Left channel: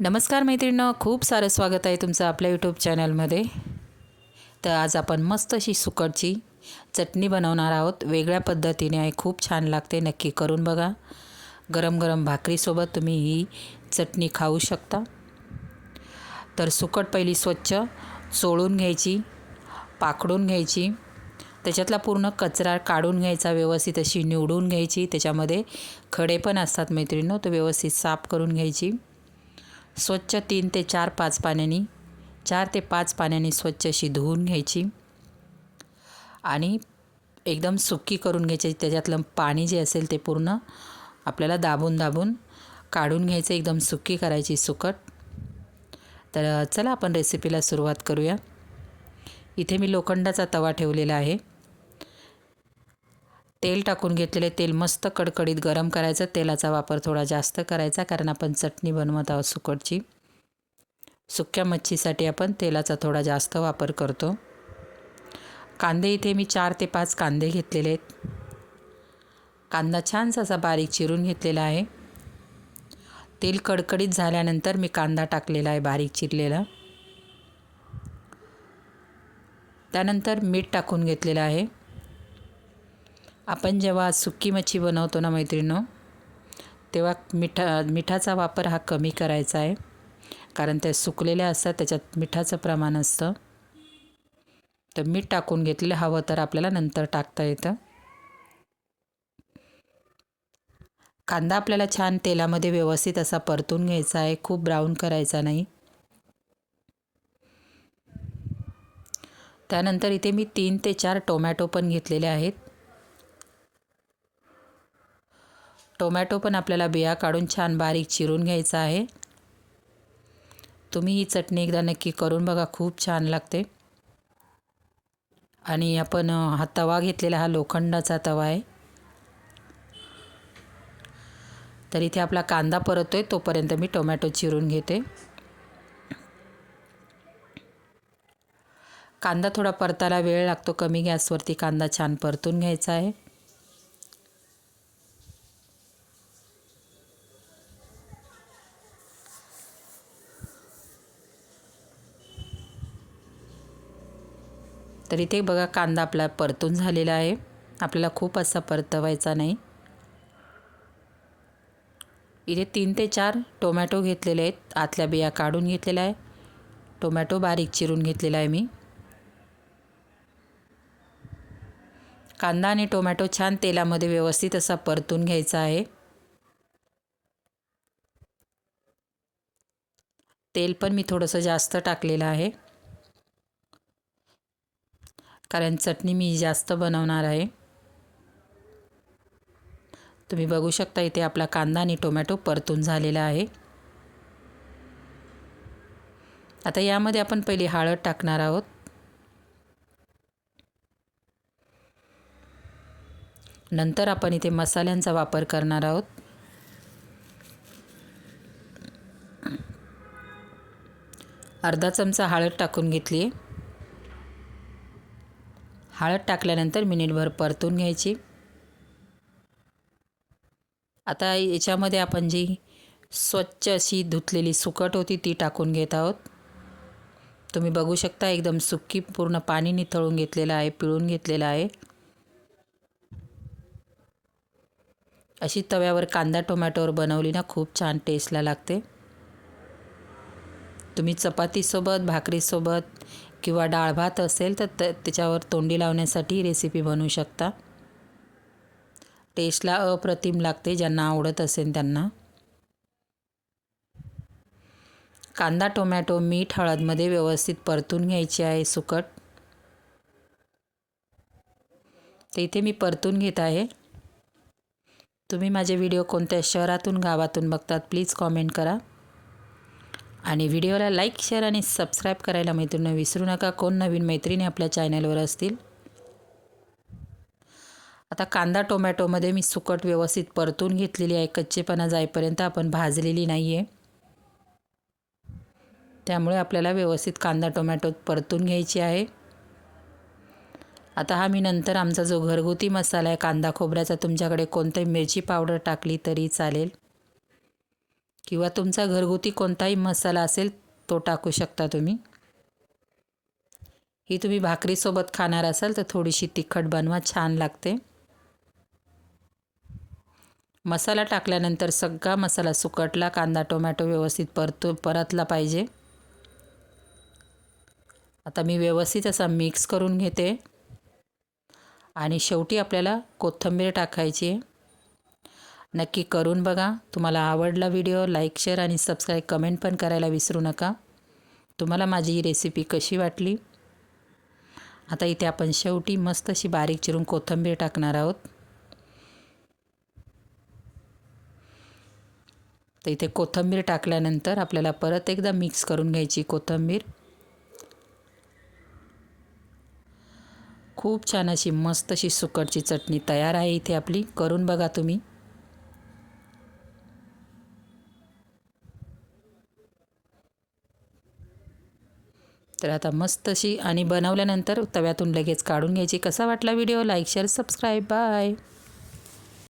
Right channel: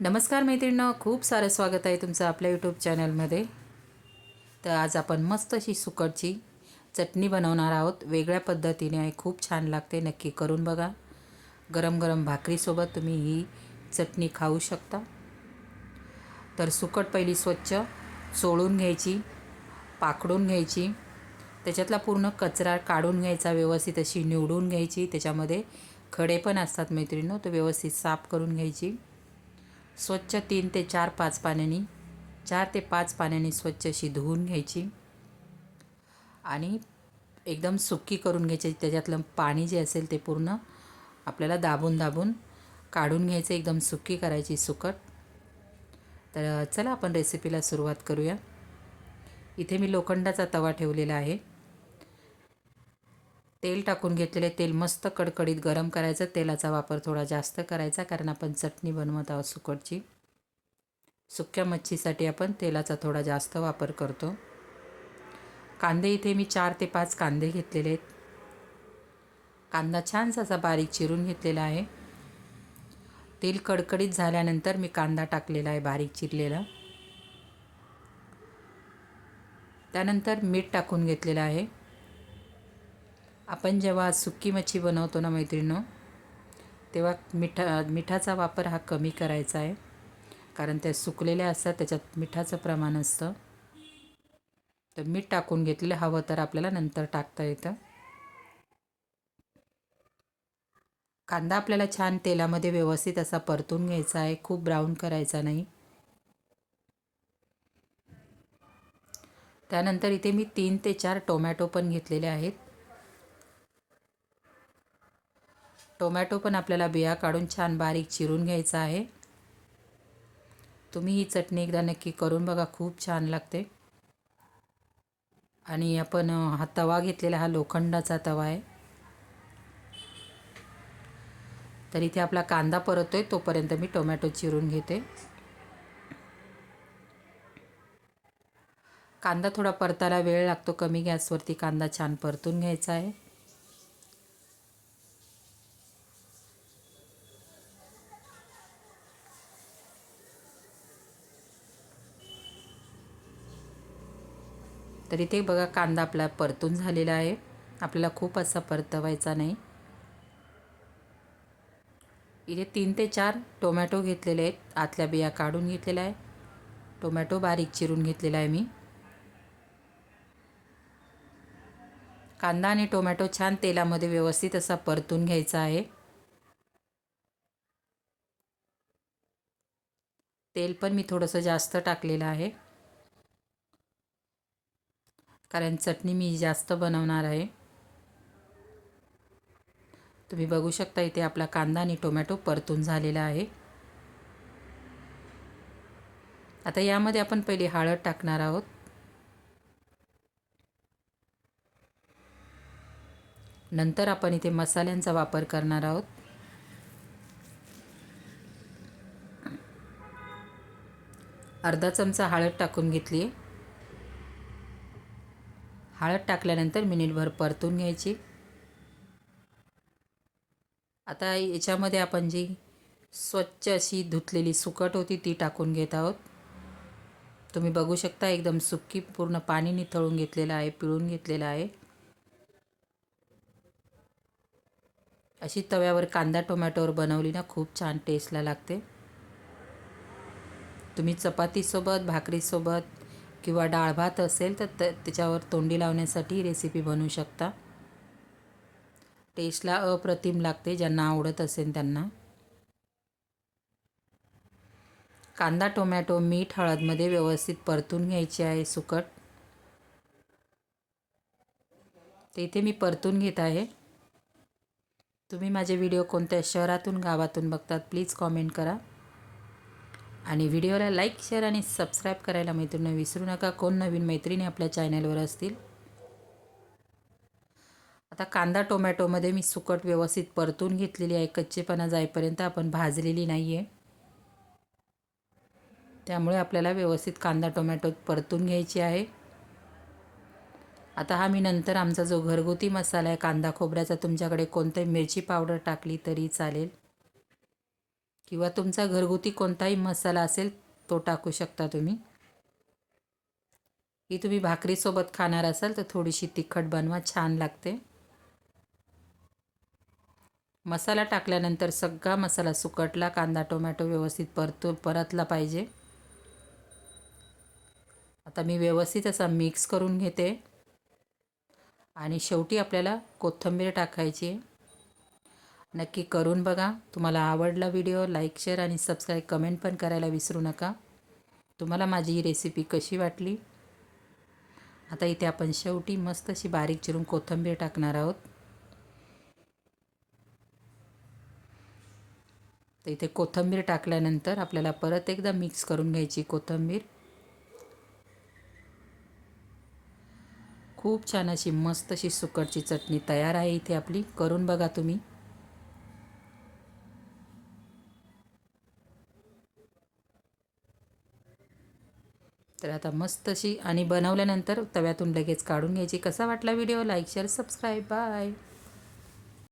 नमस्कार मैत्रिणींनो खूप सारं स्वागत आहे तुमचं आपल्या यूट्यूब चॅनलमध्ये तर आज आपण मस्त अशी सुकटची चटणी बनवणार आहोत. वेगळ्या पद्धतीने आहे खूप छान लागते नक्की करून बघा. गरम गरम भाकरीसोबत तुम्ही ही चटणी खाऊ शकता. तर सुकट पहिली स्वच्छ चोळून घ्यायची पाकडून घ्यायची. त्याच्यातला पूर्ण कचरा काढून घ्यायचा व्यवस्थित अशी निवडून घ्यायची. त्याच्यामध्ये खडे पण असतात मैत्रिणींनो तो व्यवस्थित साफ करून घ्यायची. स्वच्छ तीन ते चार पाच पाण्याने चार ते पाच पाण्याने स्वच्छ अशी धुवून घ्यायची आणि एकदम सुकी करून घ्यायची. त्याच्यातलं पाणी जे असेल ते पूर्ण आपल्याला दाबून दाबून काढून घ्यायचं. एकदम सुकी करायची सुकट. तर चला आपण रेसिपीला सुरुवात करूया. इथे मी लोखंडाचा तवा ठेवलेला आहे. तेल टाकून घेतलेले तेल मस्त कडकडीत गरम करायचं. तेलाचा वापर थोडा जास्त करायचा कारण आपण चटणी बनवत आहोत सुकटची. सुक्या मच्छीसाठी आपण तेलाचा थोडा जास्त वापर करतो. कांदे इथे मी चार ते पाच कांदे घेतलेले आहेत. कांदा छानसा असा बारीक चिरून घेतलेला आहे. तेल कडकडीत झाल्यानंतर मी कांदा टाकलेला आहे बारीक चिरलेला. त्यानंतर मीठ टाकून घेतलेलं आहे. आपण जेव्हा सुकी मच्छी बनवतो ना मैत्रिणो तेव्हा मिठा मिठाचा वापर हा कमी करायचा आहे. कारण त्या सुकलेल्या असतात त्याच्यात मिठाचं प्रमाण असतं. तर मीठ टाकून घेतलेलं हवं तर आपल्याला नंतर टाकता येतं. कांदा आपल्याला छान तेलामध्ये व्यवस्थित असा परतून घ्यायचा आहे खूप ब्राऊन करायचा नाही. त्यानंतर इथे मी तीन ते चार टोमॅटो पण घेतलेले आहेत. टोमॅटो पण आपल्याला बिया काढून छान बारीक चिरून घ्यायचा आहे. तुम्ही ही चटणी एकदा नक्की करून बघा खूप छान लागते. आणि आपण हा तवा घेतलेला हा लोखंडाचा तवा आहे. तर इथे आपला कांदा परतोय तोपर्यंत मी टोमॅटो चिरून घेते. कांदा थोडा परतायला वेळ लागतो कमी गॅसवरती कांदा छान परतून घ्यायचा आहे. तर इथे बघा कांदा आपला परतून झालेला आहे. आपल्याला खूप असा परतवायचा नाही. इथे तीन ते चार टोमॅटो घेतलेले आहेत. आतल्या बिया काढून घेतलेल्या आहे. टोमॅटो बारीक चिरून घेतलेला आहे मी. कांदा आणि टोमॅटो छान तेलामध्ये व्यवस्थित असा परतून घ्यायचा आहे. तेल पण मी थोडंसं जास्त टाकलेलं आहे. कारण चटणी मी जास्त बनवणार आहे. तुम्ही बघू शकता इथे आपला कांदा आणि टोमॅटो परतून झालेला आहे. आता यामध्ये आपण पहिली हळद टाकणार आहोत. नंतर आपण इथे मसाल्यांचा वापर करणार आहोत. अर्धा चमचा हळद टाकून घेतली आहे. हळद टाकल्यानंतर मिनिटभर परतून घ्यायची. आता याच्यामध्ये आपण जी स्वच्छ अशी धुतलेली सुकट होती ती टाकून घेत आहोत. तुम्ही बघू शकता एकदम सुकी पूर्ण पाणी निथळून घेतलेलं आहे पिळून घेतलेलं आहे. अशी तव्यावर कांदा टोमॅटोवर बनवली ना खूप छान टेस्टला लागते. तुम्ही चपातीसोबत भाकरीसोबत किंवा डाळ भात असेल तर त्याच्यावर तोंडी लावण्यासाठी रेसिपी बनवू शकता. टेस्टला अप्रतिम लागते ज्यांना आवडत असेल त्यांना. कांदा टोमॅटो मीठ हळदमध्ये व्यवस्थित परतून घ्यायची आहे सुकट. तर इथे मी परतून घेत आहे. तुम्ही माझे व्हिडिओ कोणत्या शहरातून गावातून बघतात प्लीज कॉमेंट करा. आणि व्हिडिओला लाईक शेअर आणि सबस्क्राईब करायला मैत्रिणी विसरू नका. कोण नवीन मैत्रिणी आपल्या चॅनलवर असतील? आता कांदा टोमॅटोमध्ये मी सुकट व्यवस्थित परतून घेतलेली आहे. कच्चेपणा जाईपर्यंत आपण भाजलेली नाही आहे त्यामुळे आपल्याला व्यवस्थित कांदा टोमॅटो परतून घ्यायची आहे. आता हा मी नंतर आमचा जो घरगुती मसाला आहे कांदा खोबऱ्याचा तुमच्याकडे कोणताही मिरची पावडर टाकली तरी चालेल. किंवा तुमचा घरगुती कोणताही मसाला असेल तो टाकू शकता तुम्ही. ही तुम्ही भाकरीसोबत खाणार असाल तर थोडीशी तिखट बनवा छान लागते. मसाला टाकल्यानंतर सगळा मसाला सुकटला कांदा टोमॅटो व्यवस्थित परतो परतला पाहिजे. आता मी व्यवस्थित असा मिक्स करून घेते. आणि शेवटी आपल्याला कोथिंबीर टाकायची आहे. नक्की करून बघा. तुम्हाला आवडला व्हिडिओ लाईक शेअर आणि सबस्क्राईब कमेंट पण करायला विसरू नका. तुम्हाला माझी ही रेसिपी कशी वाटली? आता इथे आपण शेवटी मस्त अशी बारीक चिरून कोथिंबीर टाकणार आहोत. तर इथे कोथिंबीर टाकल्यानंतर आपल्याला परत एकदा मिक्स करून घ्यायची कोथिंबीर. खूप छान अशी मस्त अशी सुकटची चटणी तयार आहे इथे आपली. करून बघा तुम्ही. तर आता मस्त अशी आणि बनवल्यानंतर तव्यातून लगेच काढून घ्यायची. कसा वाटला video? Like share subscribe bye